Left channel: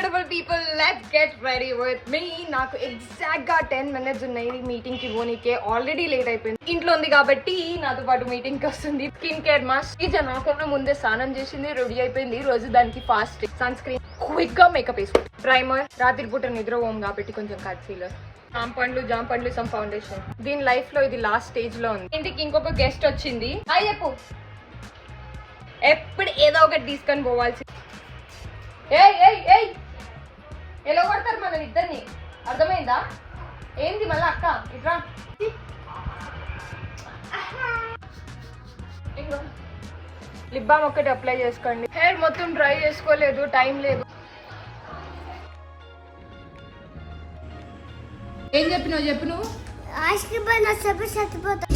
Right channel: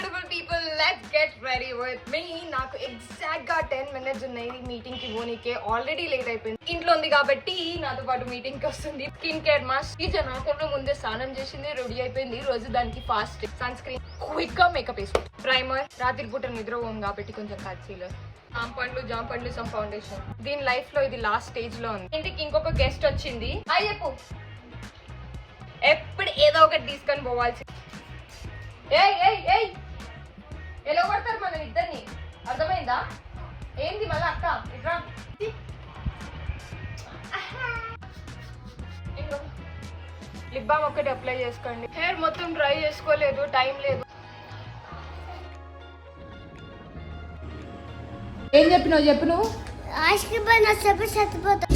Beautiful people, let's get ready with me. నాకు exact గా 10 minutes ఉన్నాయి మీటింగ్ కి పోనీకే. ఆల్రెడీ లేట్ అయిపోయింది. ఇంట్లో ఉంది కాబట్టి నాతో పాటు మీటింగ్ కి వస్తుంది. స్కిన్ కేర్ మాస్క్ నాకన్నా ముందే స్నానం చేసింది, రెడీ అయిపోయింది. ఈ రోజు దానికి ఫాస్ట్ సన్ స్క్రీన్, క్విక్ గా మేకప్ వేసుకుంది, ప్రైమర్, రాత్రి పూట నిద్ర పోం కాబట్టి కొంచెం కన్సీలర్, జామ్ పండ్లు సమ్ ఫౌండేషన్. దీని లైఫ్ లో ఇది లాస్ట్ స్టేజ్ లో ఉంది. ఇంటికి ఇంకొక గెస్ట్ వచ్చింది. హాయ్ చెప్పు. ఎప్పుడు ఏదో ఒకటి తీసుకొని పోవాల్సి. ఎలా కొడతారు మనం ఇద్దరిని, అర్థమైందా? ఏంది మళ్ళీ అక్క ఇట్రా. లిప్ బామ్ ఒకటి అప్లై చేసుకోండి. హెయిర్ మొత్తం డ్రై చేసుకోలేదు, టైం లేదు. ఏం చెప్పినావు చెప్పు నువ్వు. Ice cream సరిపోతా.